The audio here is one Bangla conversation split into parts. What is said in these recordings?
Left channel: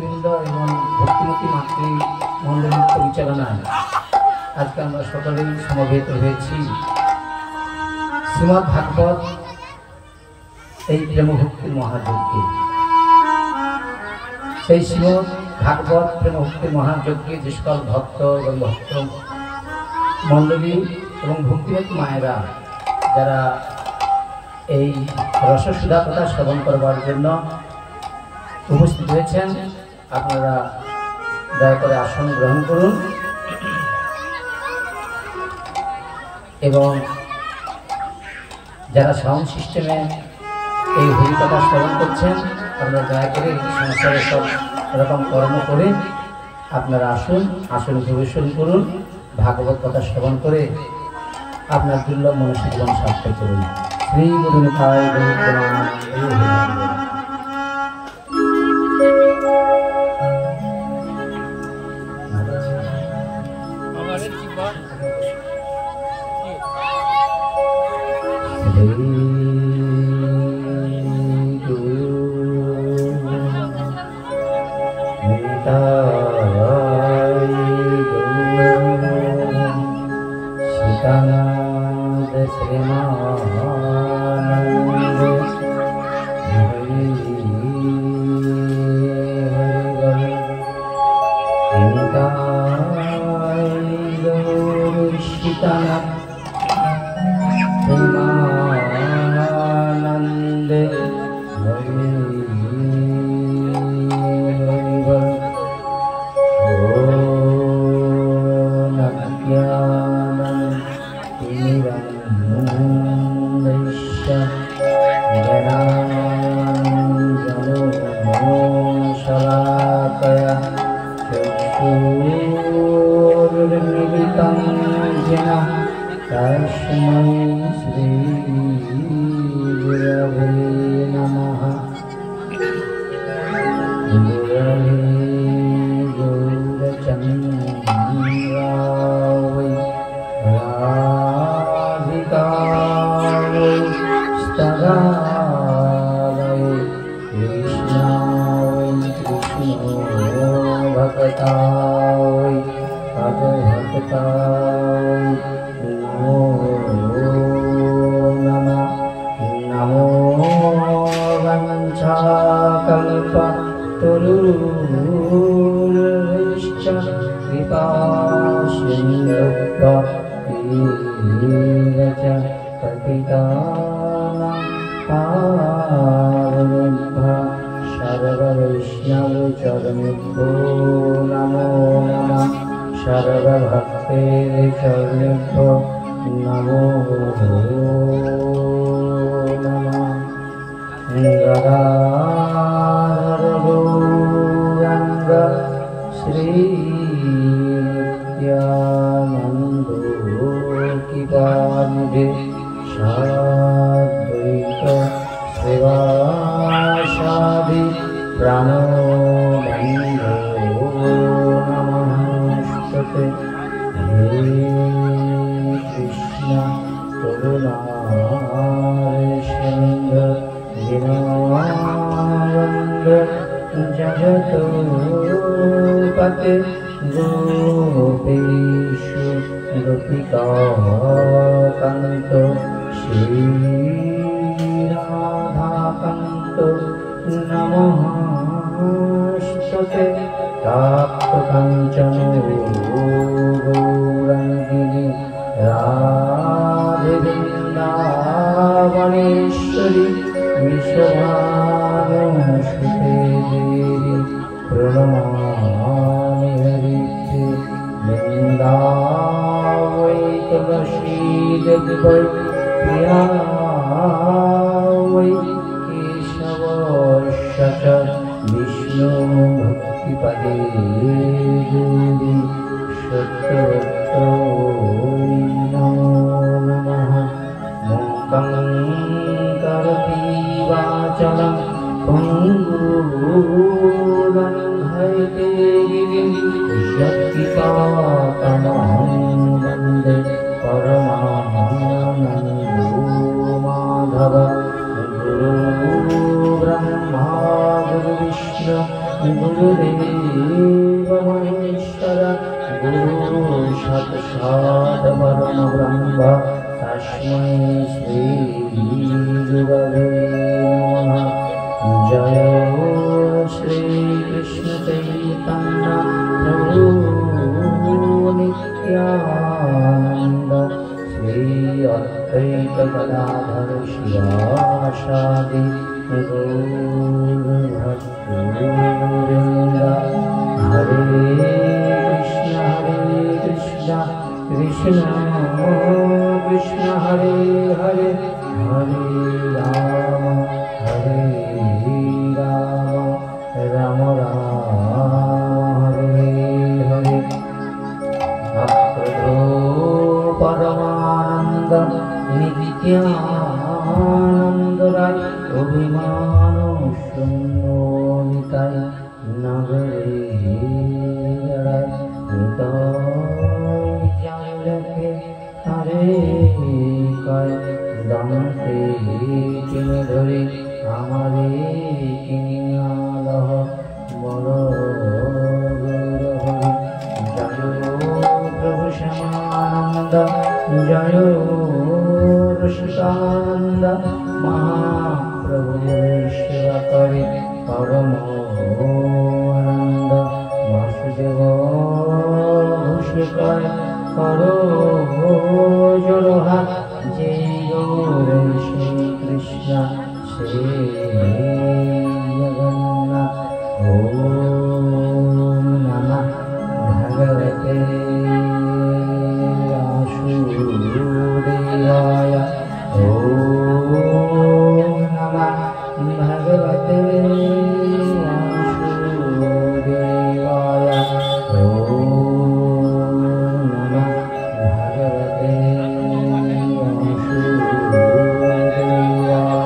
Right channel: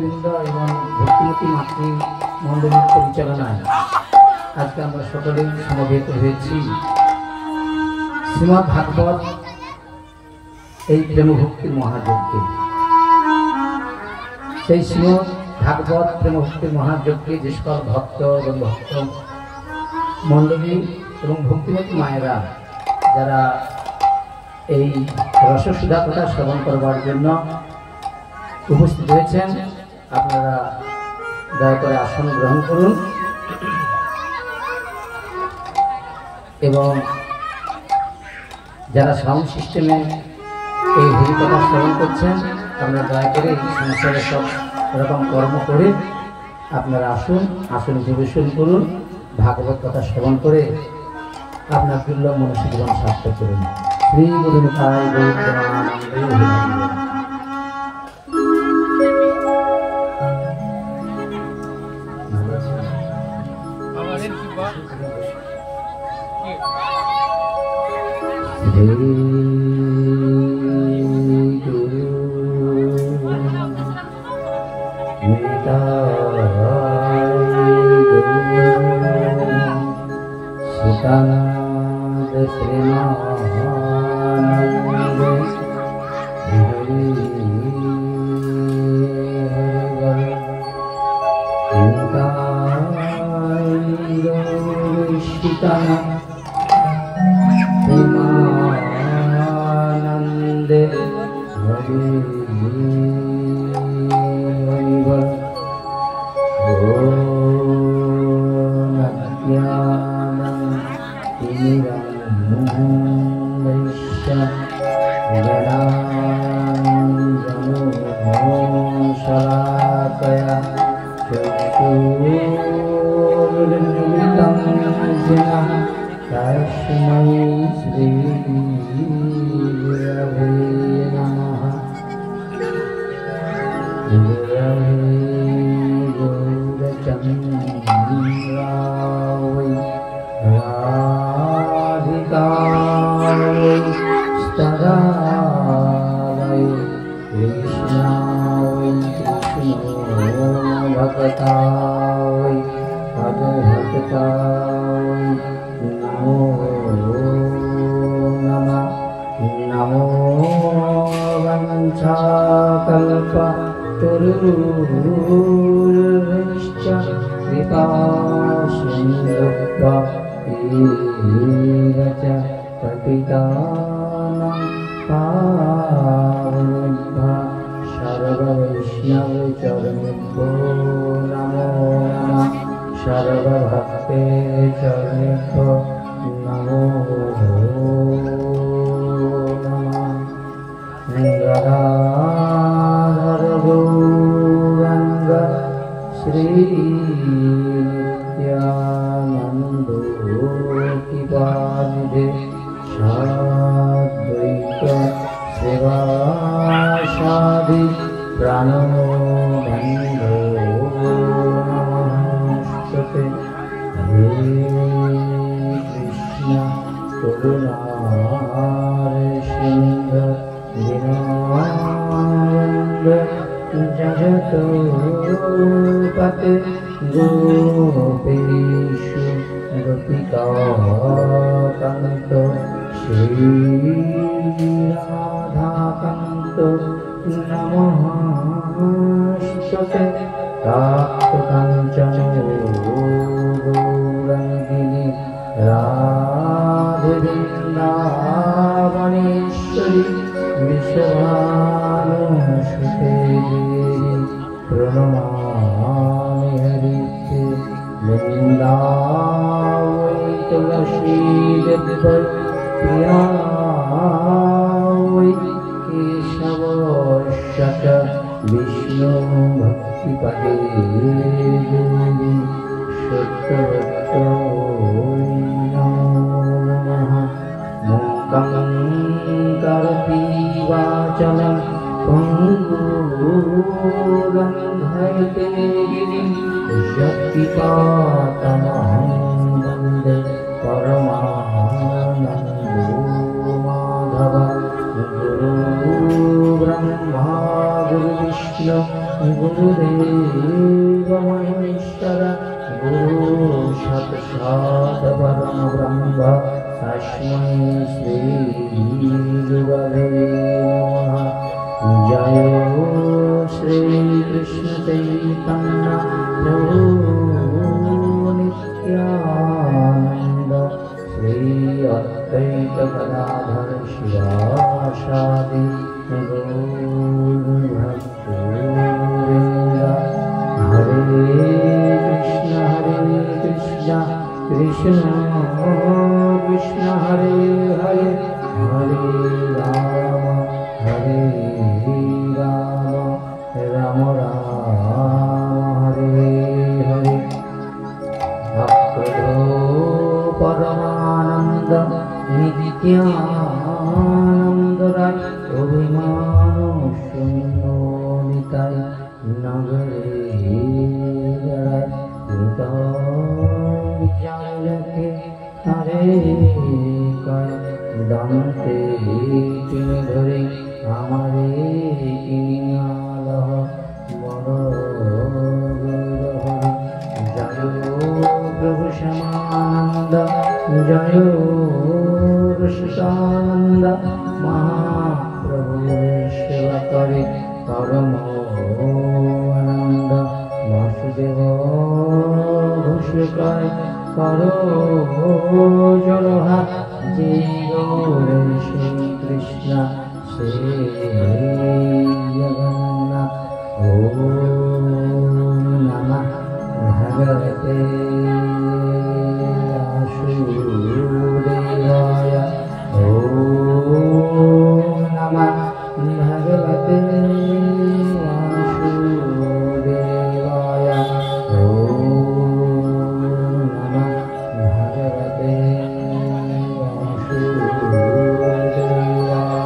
ভক্তবৃন্দ এবং ভক্তিমতী মাতৃ মন্ডলীর পরিচালনায় আজকে আমরা সকলেই সমবেত হয়েছি শ্রীমদ্ ভাগবত এই প্রেমভক্তির মহাযজ্ঞে। সেই শ্রীমদ্ ভাগবত প্রেমভক্তির মহাযজ্ঞে যে সকল ভক্ত এবং ভক্ত মন্ডলী এবং ভক্তিমতী মায়েরা যারা এই রসসুধা কথা শ্রবণ করবার জন্য উপস্থিত হয়েছেন, আপনারা দয়া করে আসন গ্রহণ করুন এবং যারা সাউন্ড সিস্টেমে এই হরি কথা শ্রবণ করছেন, আপনারা দয়া করে সংসারে সব এরকম কর্ম করে আপনারা আসন পরিবেশন করুন, ভাগবত কথা শ্রবণ করে আপনার দুর্লভ মনুষ্য জীবন সার্থক করুন। শ্রী গুরু নিতাই গৌর প্রণাম। गुरुदेव महेश्वर गुरु साक्षात् परब्रह्म तस्मै श्री गुरवे नमः। जय श्री कृष्ण चैतन्य प्रभु नित्यानंद श्री अद्वैत गदाधर शिवासादि गौरभक्तवृंद। हरे कृष्ण कृष्ण कृष्ण हरे हरे हरे राम राम राम हरे हरे। भक्तो परमानंद नित्यानंद राय अभिमान शून्य निताय नगरे जड़ाय निताय हरे कय दमते किन धरी हमारे किनालह बड़ जय प्रभु श्यामानंद जय ऋषिकानंद महाप्रभु सेवा करे परम आनंद वासुदेव घोषिकाय करो जोड़हा जय गौरे श्री कृष्ण श्री जगन्नाथ। ओम नमः भगवते वासुदेवाय। ओम नमः भगवते वासुदेवाय। ओम नमः भगवते वासुदेवाय।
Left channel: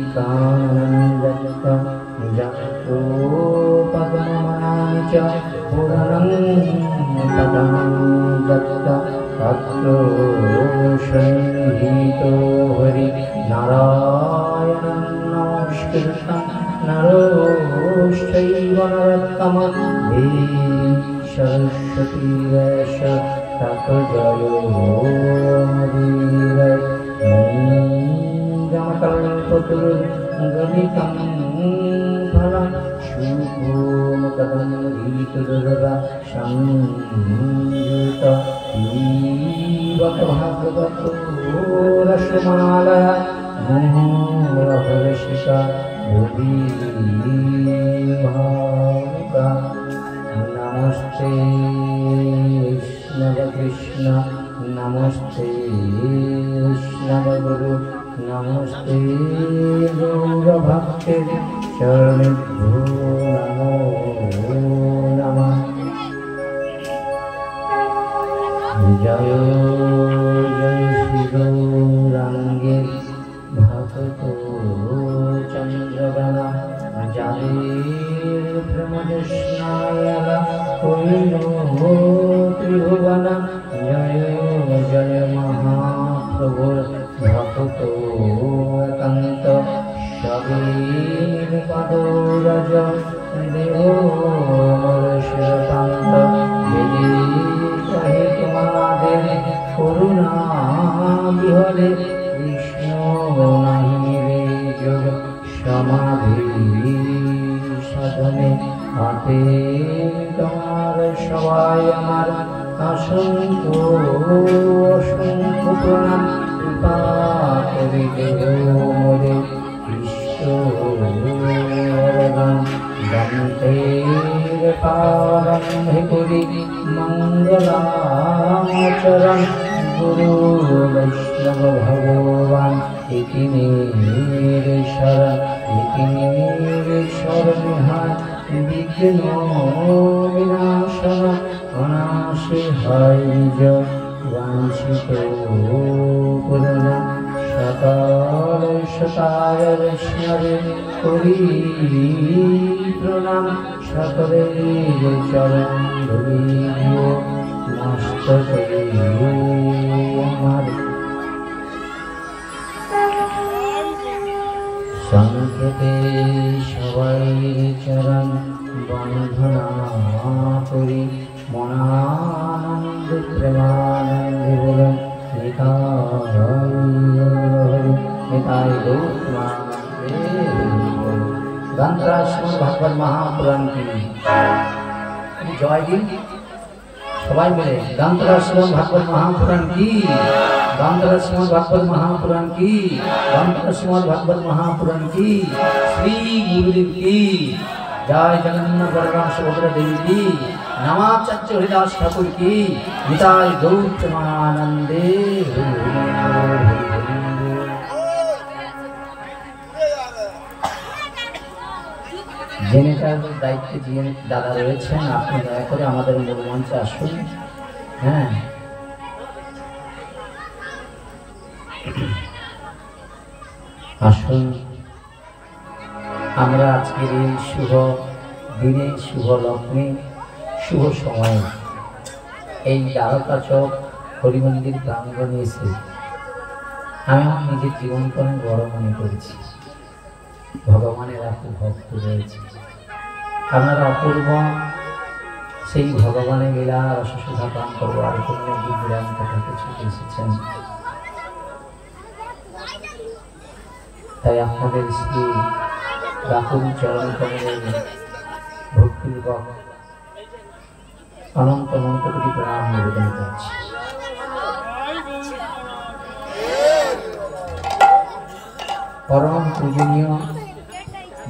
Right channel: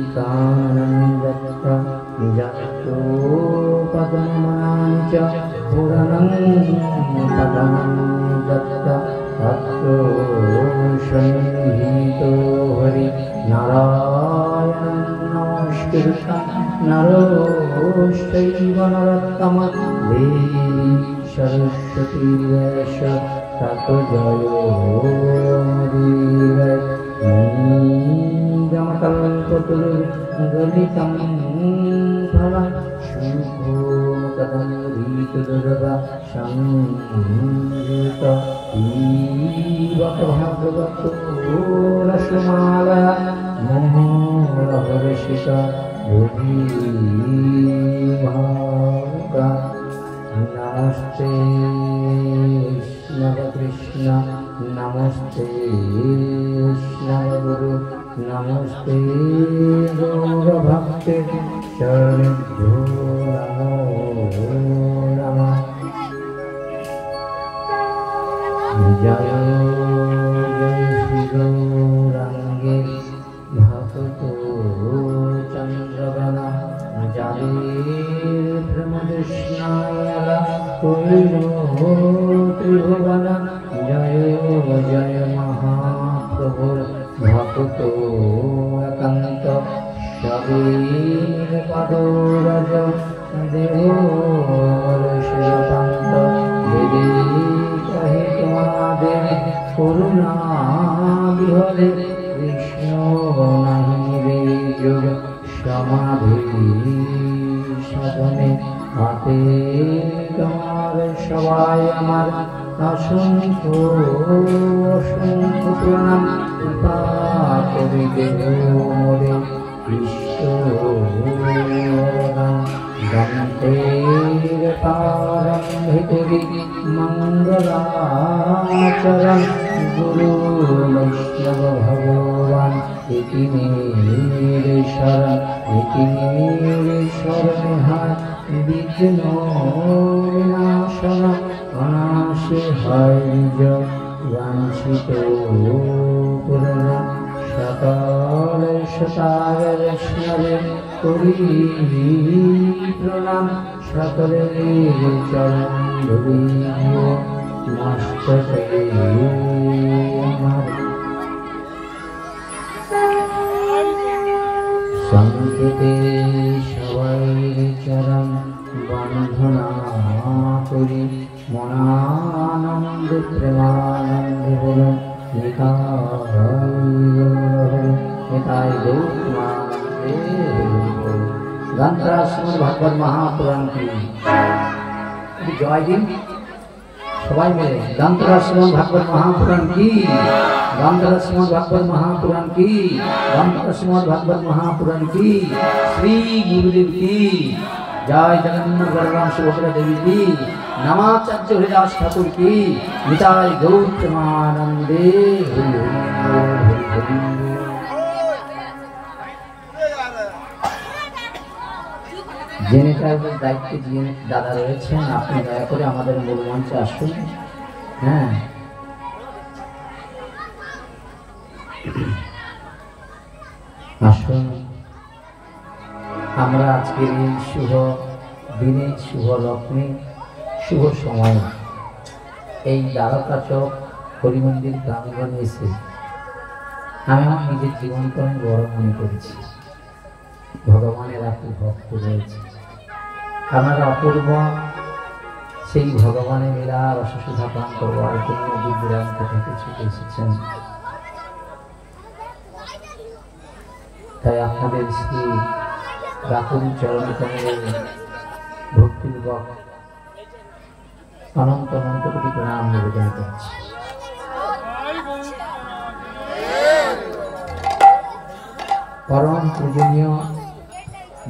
ऋषिकानन्दः जगतो पद्मनानि च पुराणं पराणं दत्त तत्रो संहितो हरि नारायणं नमस्कृतं नरोश्चैव नरोत्तमं देवी सरस्वती वैश ततो जयो मुदीरये। गणितं फलं शुभोमुखदं ऋतुर्वा संयुत रसमालय मोहरहर्षिका बुद्धिभागा। नमस्ते वैष्णव कृष्ण नमस्ते वैष्णव गुरु नमस्ते गौरभक्ते शरणेभ्यो नमो नमः। जय जय श्री गौरांगे भक्तो चंद्रगणा जाले ब्रह्मजस्नाय त्रिभुवन। जय जय महाप्रभु भक्तो एकांत शबीर पदरज देव शिवकांत विधि कहे तुम्हारे करुणा विहरे विष्णु नहीं योग समाधि साधने हाथे तुम्हार सवाय আমার असंख्य प्रणाम कृपा करिते मोरे विष्णुराम वन्दे पारं करि मंगलाचरण गुरु वैष्णव भगवान इति मेरे शरण विघ्न विनाशन अनाशि হয় নিজ वांछित पूर्ण सकल सतार वैष्णवे कরি प्रणाम सकले चरण धुলি मस्तके সংকেতে সবাই চরণ বন্ধনা করি মনানন্দে প্রেমানন্দে বলুন নিতাই গ্রন্থরা শ্রীমদ্ ভাগবত মহাপুরাণ কি জয় দিন সবাই মিলে। গ্রন্থরা শ্রীমদ্ ভাগবত মহাপুরাণ কি, গ্রন্থরা শ্রীমদ্ ভাগবত মহাপুরাণ কি, গ্রন্থরা শ্রীমদ্ ভাগবত মহাপুরাণ কি, শ্রী গুরুদেব কি জয়, জগন্নাথ বলরাম সুভদ্রা দেবী কি, নমাচার্য হরিদাস ঠাকুর কি, নিতাই গৌর প্রেমানন্দে হরি হরি হরি হরি। জেনেটার দায়িত্বে যিনি দাদা রয়েছেন, আপনি দয়া করে আমাদের মূল মঞ্চে আসুন। হ্যাঁ, আসুন। আমরা আজকের এই শুভ দিনে, শুভ লগ্নে, শুভ সময়ে এই দ্বারকা চক হরিমন্দির প্রাঙ্গণে এসে আমি আমার নিজের জীবনকে অনেক বড় মনে করেছি। ভগবানের এত ভক্ত রয়েছে, আপনারা অপূর্ব সেই ভগবানের লীলা রসসুধাপান করবার জন্য দূরান্ত থেকে ছুটে এসেছেন। তাই আপনাদের শ্রী বাকুর চরণ কমলে ভক্তিপূর্বক অনন্ত অনন্ত কোটি প্রণাম নিবেদন করছি। পরম পূজনীয়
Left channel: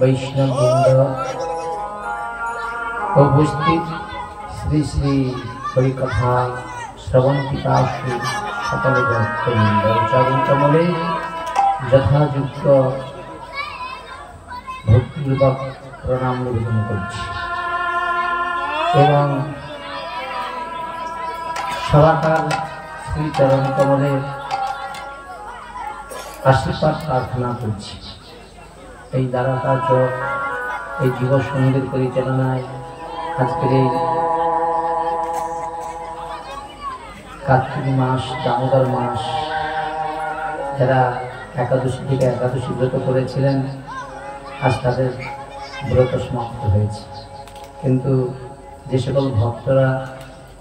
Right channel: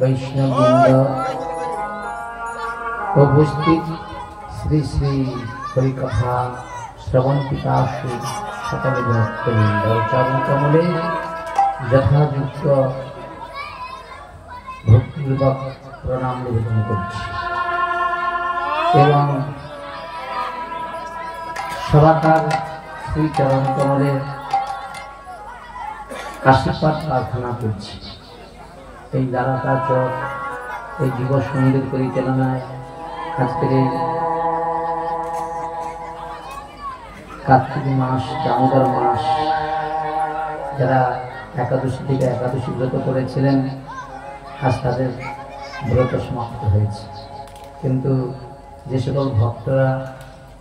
বৈষ্ণববৃন্দ, উপস্থিত শ্রী শ্রী হরিকথা শ্রবণ পিপাসু সকল ভক্তবৃন্দ, চরণ কমলে যথাযুক্ত ভক্তিপূর্বক প্রণাম নিবেদন করছি এবং সবাকার শ্রী চরণ কমলে আশীর্বাদ প্রার্থনা করছি। এই দ্বারকা চক, এই যুব সঙ্গীর পরিচালনায় আজকের এই কার্তিক মাস, দামোদর মাস, যারা একাদশী থেকে একাদশী ব্রত করেছিলেন, আজ তাদের ব্রত সমাপ্ত হয়েছে। কিন্তু যে সকল ভক্তরা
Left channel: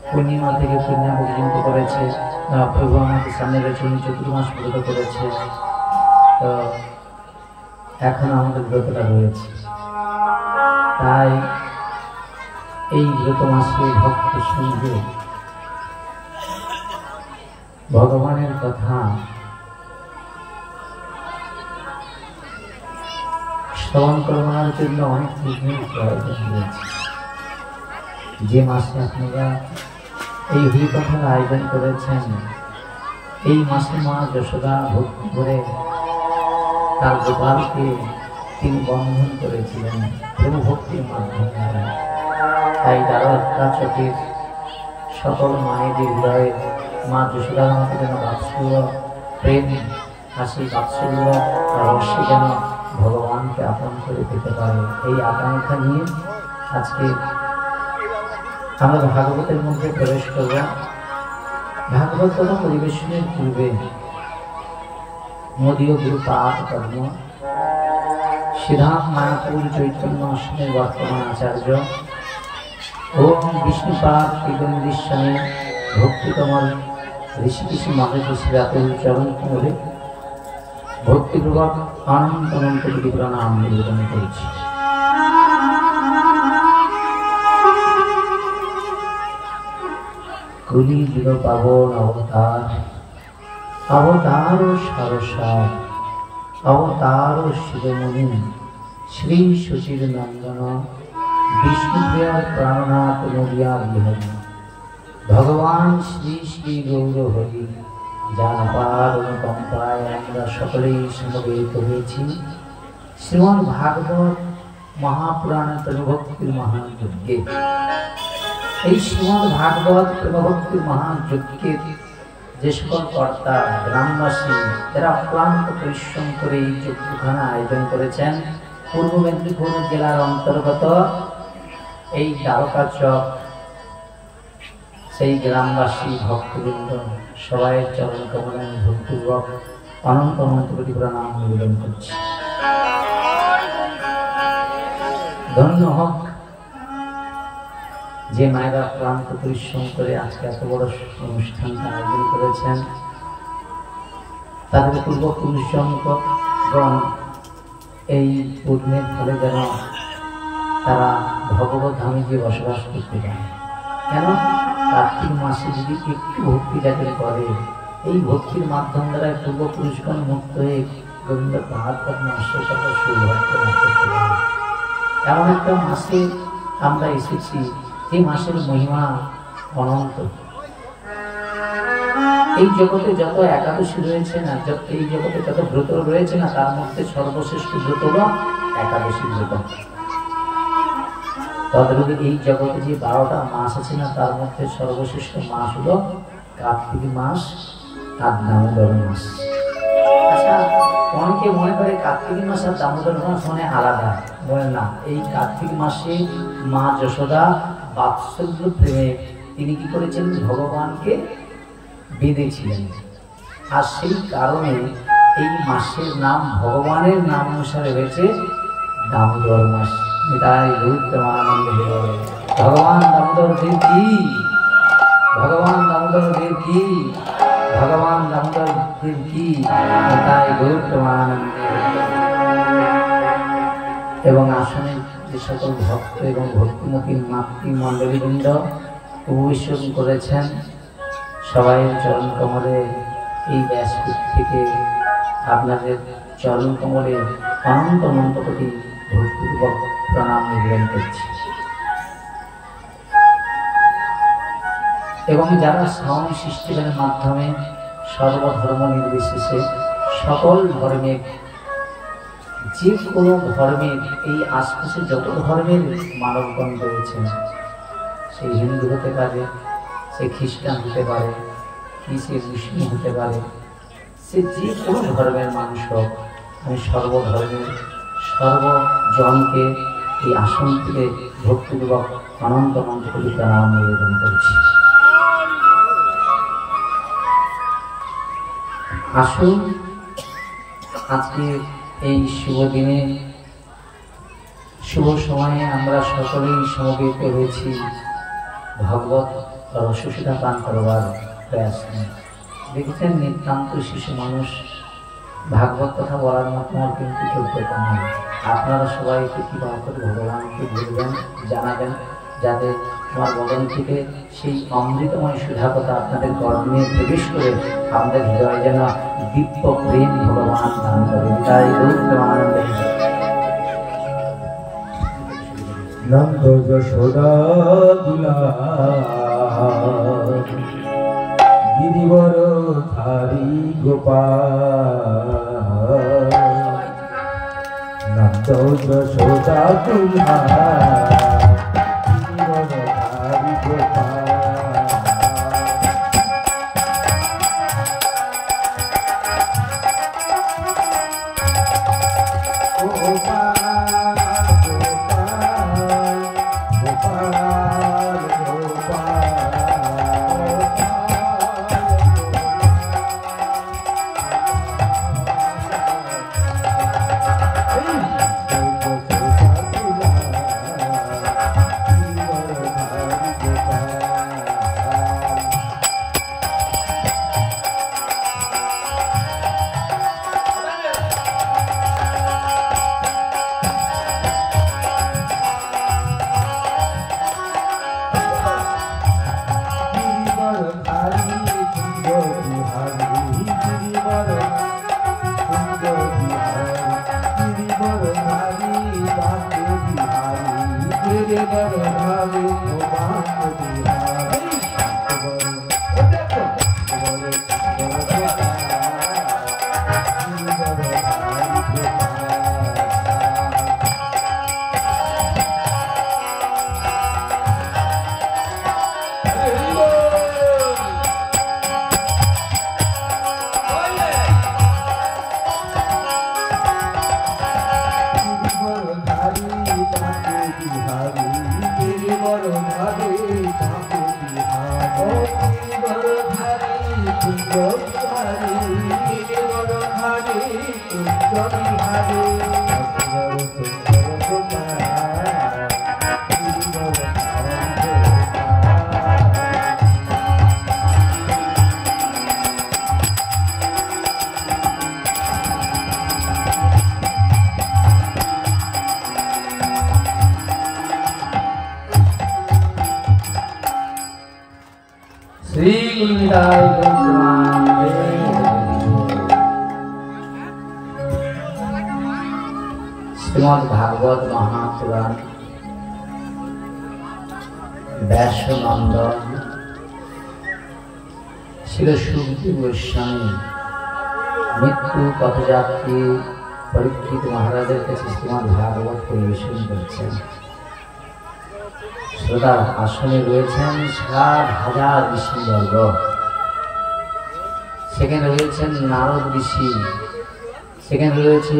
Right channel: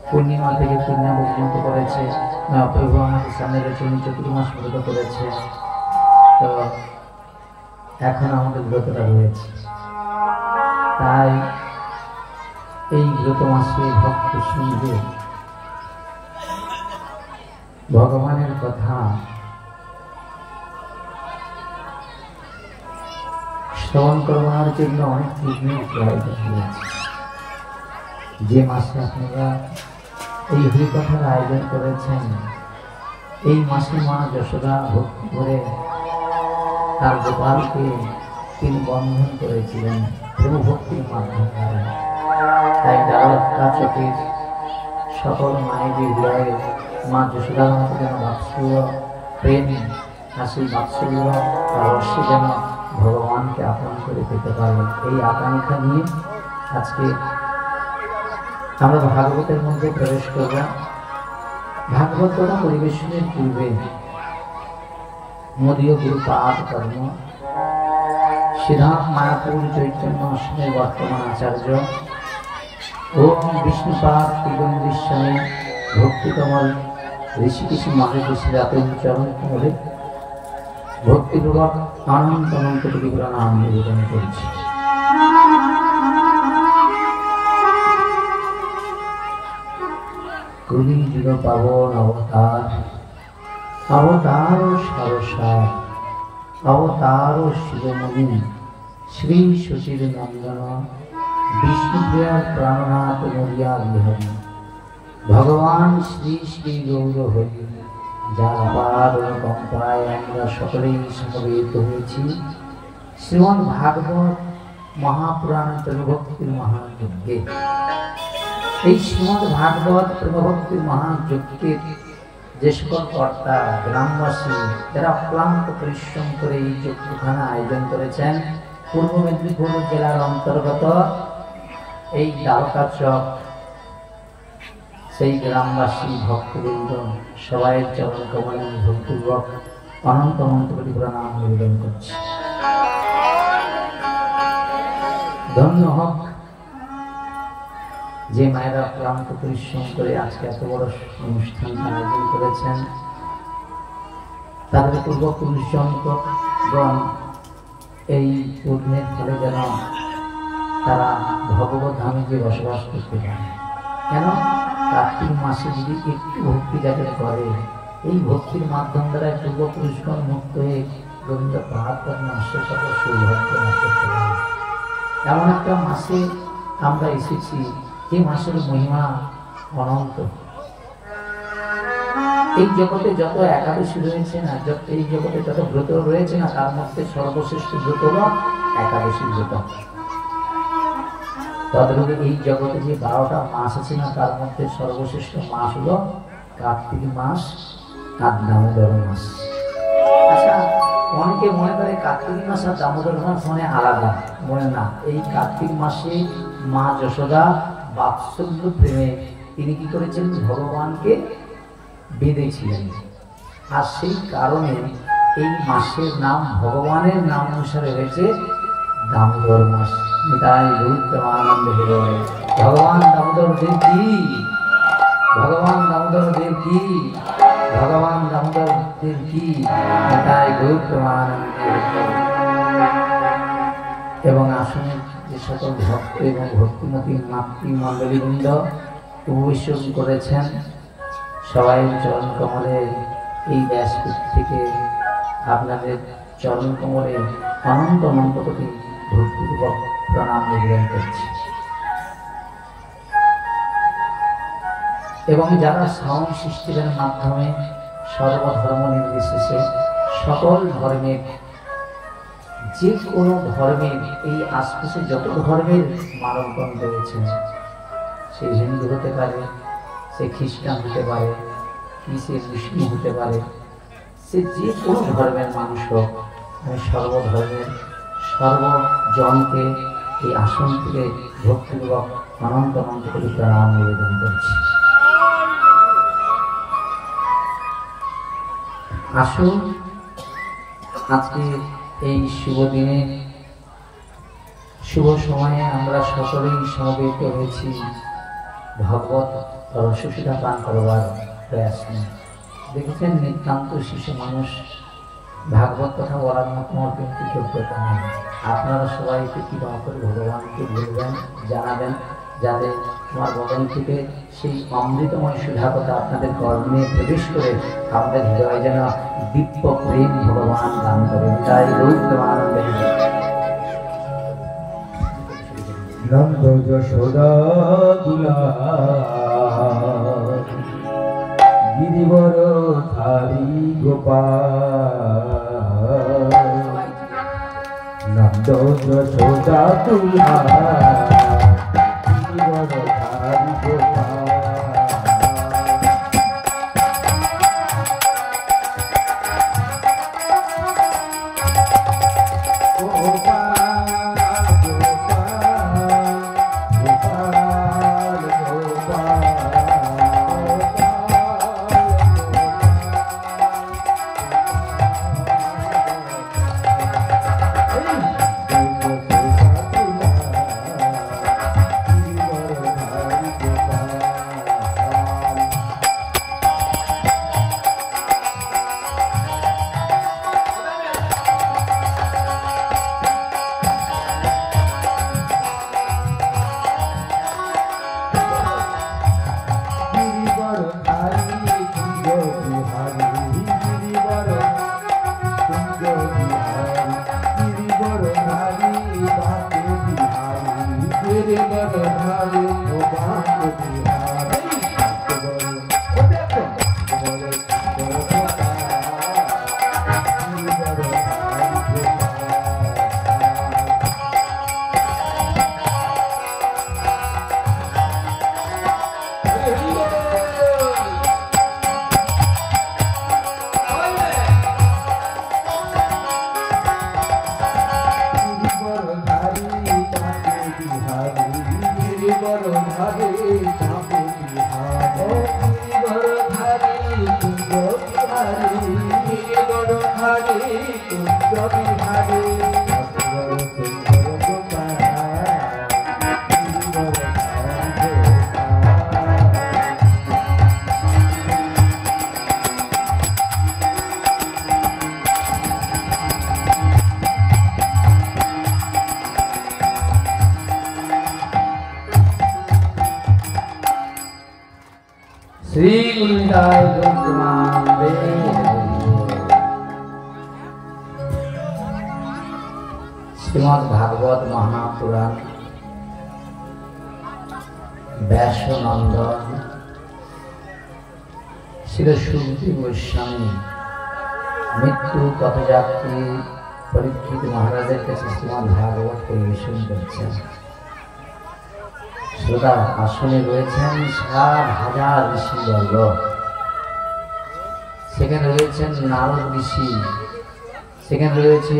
পূর্ণিমা থেকে পূর্ণিমা পর্যন্ত করেছে, প্রভু আমাদের সামনে রয়েছে, উনি চতুর্মাস ব্রত করেছে, তো এখন আমাদের ব্রতটা রয়েছে। তাই এই ব্রত মাসে ভক্ত সঙ্গে ভগবানের কথা শ্রবণ করবার জন্য অনেক পুণ্যের প্রয়োজন রয়েছে। যে মাসে আপনারা এই হরিকথার আয়োজন করেছেন, এই মাসে মা যশোদা ভক্তি করে তার গোপালকে তিনি বন্ধন করেছিলেন প্রেম ভক্তির মাধ্যমে। তাই দ্বারকা চকের সকল মায়েদের হৃদয়ে মা যশোদার মতো যেন বাৎসল্য, প্রেম, হাসি, বাৎসল্য আর রসে যেন ভগবানকে আপন করে পেতে পারেন, এই আকাঙ্ক্ষা নিয়ে আজকে আমরা ভাগবতের মধ্যে প্রবেশ করব। ভাগবত পরিবেশনের পূর্বে মদীয় গুরু পাঠ কর্ম সিদ্ধার্থ মায়াপুর চৈতন্য অষ্টমের বর্তমান আচার্য ওম বিষ্ণুপাদ ত্রিগণেশ্বরে ভক্তি কমল ঋষিকেশী মাধবেশী জাতুর চরণ কমলে ভক্তিপূর্বক অনন্ত অনন্ত কোটি প্রণাম নিবেদন করেছি। কলি যুগ পাবন অবতার, অবতার সারসার, অবতার শিরোমণি শ্রী সুচির নন্দন বিষ্ণুপ্রিয়ার প্রাণনাথ মরিয়া বিহারী ভগবান শ্রী শ্রী গৌর হরি, যার আবার পরম্পরায় আমরা সকলেই সমবেত হয়েছি শ্রীমদ্ ভাগবত মহাপুরাণের প্রভক্তির মহাযজ্ঞে। এই শ্রীমদ্ ভাগবত প্রভক্তির মহাযজ্ঞের যে সকল কর্তা, গ্রামবাসী যারা অক্লান্ত পরিশ্রম করে এই যজ্ঞখানা আয়োজন করেছেন, পূর্ব মেদিনীপুর জেলার অন্তর্গত এই দ্বারকা চক, সেই গ্রামবাসী ভক্তবৃন্দ সবাই চরণ কমলে ভক্তিপূর্বক অনন্ত অনন্ত কোটি প্রণাম নিবেদন করছি। ধন্য হোক যে মায়েরা ক্লান্ত পরিশ্রম করে আজকে এত বড় অনুষ্ঠান আয়োজন করেছেন। তাদের পূর্বপুরুষগণ এই পূর্ণের ফলে যেন তারা ভগবত ধামে গিয়ে বসবাস করতে পারে। কেন? কার্তিক মাসে যদি একটু ভক্তি যাকে করে, এই ভক্তির মাধ্যম দ্বারা পূর্বপুরুষগণ মুক্ত হয়ে গোবিন্দ বাহাত্তর মাসের সাথে সৌভাগ্য করতে পারে। এমন একটা মাসে আমরা এসেছি যে মাসের মহিমা অনন্ত। এই জগতে যত একাদশী রয়েছে না, এই জগতে যত ব্রত রয়েছে না, তার মধ্যে সর্বশ্রেষ্ঠ ব্রত হল একাদশী ব্রত। তদ্রূপে এই জগতে যে 12টা মাস আছে না, তার মধ্যে সর্বশ্রেষ্ঠ মাস হলো কার্তিক মাস আর দামোদর মাস। আচ্ছা, অনেকে মনে করে কার্তিক মাস আর দামোদর মাস মানে আলাদা। বলেন না, এই কার্তিক মাসে মা যশোদা বাৎসল্য প্রেমে তিনি কি করেছেন? ভগবানকে বেঁধেছিলেন। আর সেই কারণে এই মাসের নাম ভগবানের নাম অনুসারে রয়েছে দামোদর মাস। নিতাই গৌর প্রেমানন্দে। ভগবান দামোদর দেব কি, ভগবান দামোদর দেব কি, ভগবান দামোদর দেব কি, নিতাই গৌর প্রেমানন্দে। এবং আসনে যে সকল ভক্ত এবং ভক্তিমতী মাতৃমণ্ডলীবৃন্দ উপবেশন করেছেন, সবাই চরণ কমলে এই ব্যাসপীঠ থেকে আপনাদের চরণ কমলে অনন্ত অনন্ত কোটি ভক্তিপূর্বক প্রণাম নিবেদন করছি। এবং যারা সাউন্ড সিস্টেমের মাধ্যমে সর্বধর্ম নির্বিশেষে সকল ধর্মের, যে কোনো ধর্মের, এই আশপাশে যত ধর্মের মানবগণ রয়েছেন, সে হিন্দু হতে পারে, সে খ্রিস্টান হতে পারে, কি সে মুসলিম হতে পারে, সে যে কোনো ধর্মের মানুষ হোক, আমি সর্বধর্মের সর্বজনকে এই আসন থেকে ভক্তিপূর্বক অনন্ত অনন্ত করে প্রণাম নিবেদন করছি। আসুন আজকে এই শুভ দিনে, শুভ সময়ে আমরা সকলেই সমবেত হয়েছি ভগবত রসসীতা পান করবার প্রয়াস নিয়ে। দেখেছেন, নিতান্ত শিশু মানুষ, ভাগবত কথা বলার মতো আমার কিন্তু যোগ্যতা নেই। আপনারা সবাই কৃপা করে ভগবানকে বলবেন, জানাবেন, যাতে আমার বদন থেকে সেই অমৃতময় সুধা কথা আপনাদের কর্মে প্রবেশ করে আমাদের হৃদয়ে যেন দিব্য প্রেম ভগবান দান করেন। তাই রূপ আনন্দে নন্দ যশোদা গিরিবর ধারী গোপাল, নন্দ যশোদা শ্রীমদ্ ভাগবত মহাপুরাণ ব্যাসনন্দন শিল সুখদেব গোস্বামী মৃত্যু পথযাত্রী পরীক্ষিত মহারাজের কাছে শ্রীমদ্ ভাগবত পরিবেশন করছেন। শ্রোতার আসনে রয়েছেন 60,000 ঋষিবর্গ, সেখানে রয়েছেন নারদ ঋষি, সেখানে রয়েছে